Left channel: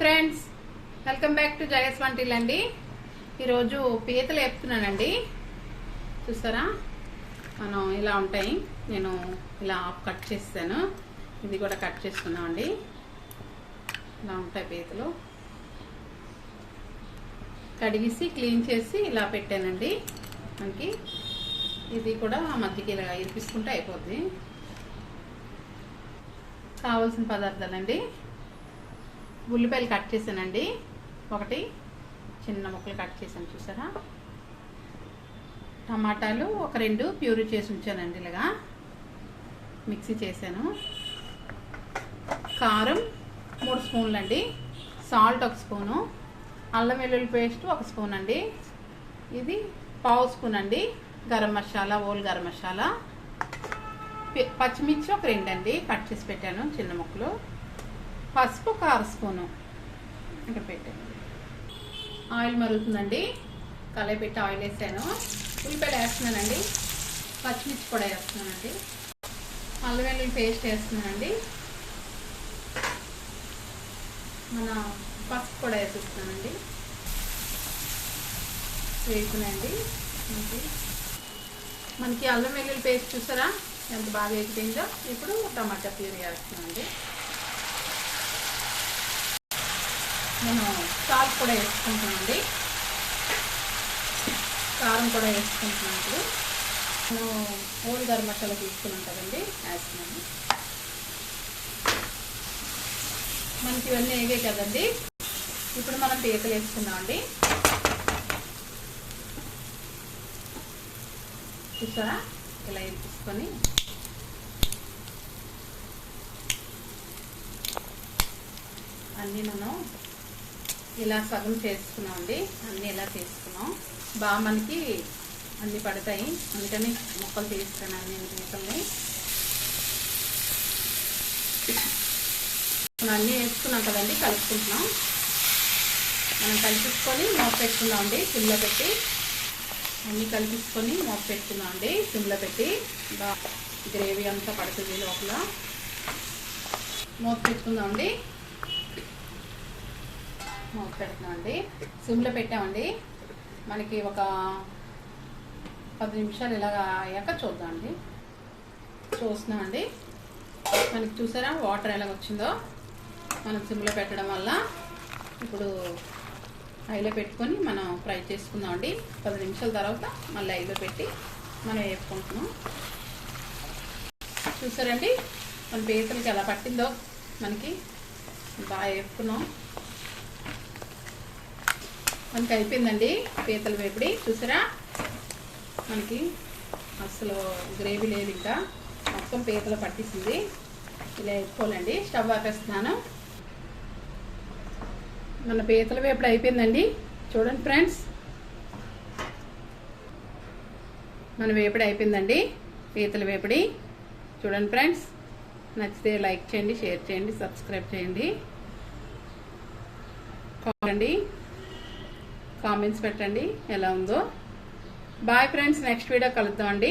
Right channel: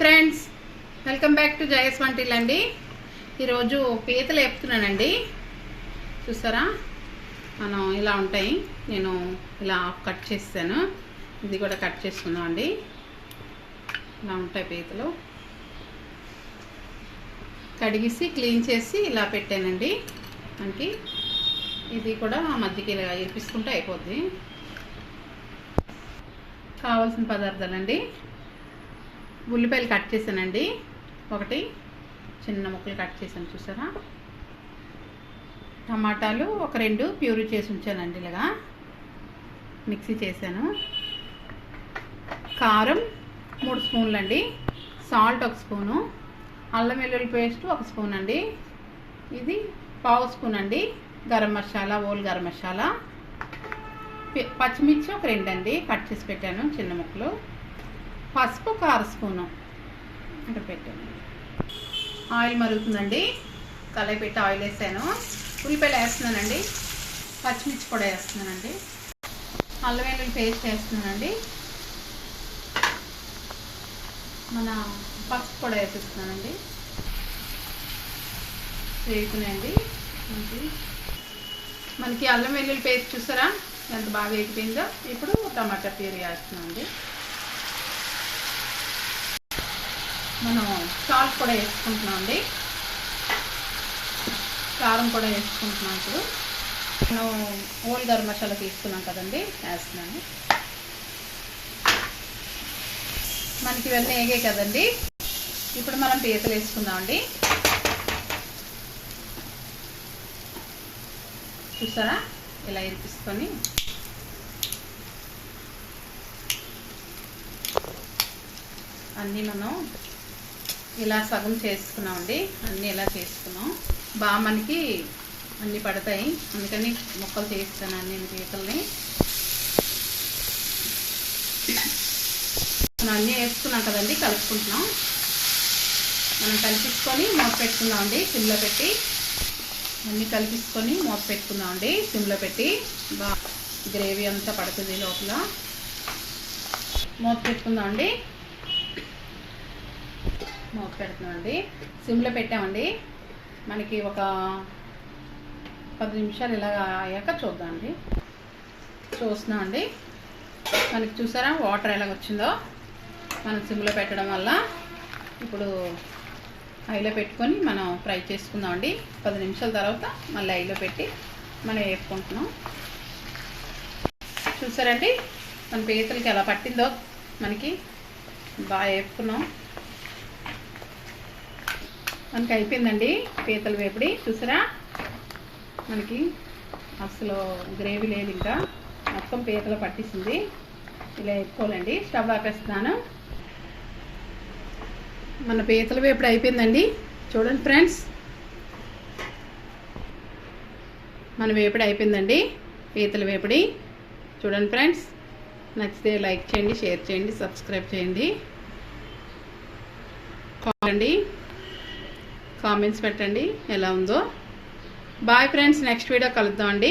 Friends, welcome back to జయ స్వంటిల్ అండి. ఈరోజు పీతలు వేపుతున్నానండి. చూసారా, మనం ఇలా ఉంటాయి. నేను ఇలా కట్ చేస్తాను. ఇది కూడా కట్ చేసుకున్నాం అండి. ఇలా ఉంటాయి పీతలు. కడిగేసి క్లీన్ చేసి ఇలా పెట్టానండి. మనకి ఇది కూడా మధ్యకి ఇలా ఇరిపిస్తుంటే అయిపోద్ది. కావాల్సిన పదార్థాలండి: ఉల్లిపాయలు కట్ చేశానండి, ఒకటి చిన్న ముక్కలు కట్ చేశాను చూసారా. టమాటాలు ఒక 2 ప్యూరీ చేసి ఉంచానండి, ఇలాగా మిక్సీ చేశాను. కారం 3 స్పూన్లు అండి, సాల్ట్ 1 స్పూను, అల్లం వెల్లుల్లి పేస్ట్ 1 స్పూన్ అండి, ఇది 1/2 స్పూన్ అండి గరం మసాలా, ఓల్ గరం మసాలా, పచ్చిమిర్చి ఒక 2 అండి కట్ చేసి పెట్టాను చిన్న ముక్కలు, పసుపు 1/2 స్పూను అంటే పెట్టాను. ఆయిల్ మరుగుతుందండి, కళాయి పెట్టి ఆయిల్ వేసాను. ఉల్లిపాయలు వేస్తున్నానండి, పచ్చిమిర్చి కూడా వేస్తున్నానండి, అల్లం వెల్లుల్లి పేస్ట్ వేస్తున్నానండి, మన పసుపు కూడా వేసేస్తున్నానండి. వేగుతున్నాయండి. మనకి అల్లం వెల్లుల్లి పేస్ట్ చూసారా ఎంత బాగా వేగిపోయిందో. ఇప్పుడు టమాటా ప్యూరీ వేస్తున్నానండి. నేను సాల్ట్ కూడా వేసుకుంటున్నాను అండి, కారం కూడా వేసుకుంటున్నాను. ఇప్పుడు నేను ఓల్ గరం మసాలా తీసుకున్నాం కదండి, వేస్తున్నాను. మనకి ఇవన్నీ వేగాయి కదండి. ఇప్పుడు మనం పీతలు వేసుకుందాం అండి. చూసారా, ఇలా ఇరిపిసుకొని అన్నీ మనం ఇలా సగం చేసుకున్నామండి. అన్నీ ఇలా చేసుకున్నాం, బాగా మనకి అన్నీ పడతాయి, అందుకని ముక్కలు చేస్తాను నేను పీతల్ని. మనం అన్నీ వేసుకున్నాం కదండి, కలుపుకుంటున్నాం. మనం కలిపించుకొని మూత పెట్టుకుందాం అండి, సిమ్లో పెట్టి. అన్నీ కలిపించుకొని మూత పెట్టుకుందాం అండి, సిమ్లో పెట్టి. బాగా గ్రేవీ అంతా పడుతుంది లోపల. మూత పెట్టుకుందాం అండి, మూత పెడుతున్నామండి, సిమ్లో పెట్టామండి. మనకి ఒక 10 నిమిషాలు ఇలా అయ్యాక చూద్దామండి. చూస్తున్నామండి, మనకి చూసారా వాటర్ ఎలాగ వచ్చిందో. మనం సిమ్లో పెట్టడం వల్ల ఇప్పుడు హైలో పెట్టుకొని మనం ఫ్రై చేసుకుందామండి. 10 నిమిషాల తర్వాత మళ్ళీ హైలో పెట్టి మనం వేపుకుంటున్నాం. చూసారండి, మన పీతలకి ఎలా పట్టిందో, మనకి బాగా వేపుకున్నాం. మనకి అయిపోయిందండి పీతల వేపుడి. చూసారా, మనకి అసలు గ్రేవీ లేదు, ఇంకా మొత్తం పీతలు పట్టిస్తుంది. ఇలా వేసుకోవాలండి. స్టవ్ ఆపేస్తున్నాను. మన పీతల వేపుడు అయిపోయిందండి. చూడండి ఫ్రెండ్స్, మన వేపుడు అయిపోయిందండి, పీతల వేపుడి. చూడండి ఫ్రెండ్స్, నచ్చితే లైక్ చేయండి, షేర్ చేయండి, సబ్స్క్రైబ్ చేయండి, కావాలండి కామెంట్స్ పెట్టండి ఎలా ఉందో. బాయ్ ఫ్రెండ్స్, నెక్స్ట్ వీడియో కలుద్దామండి.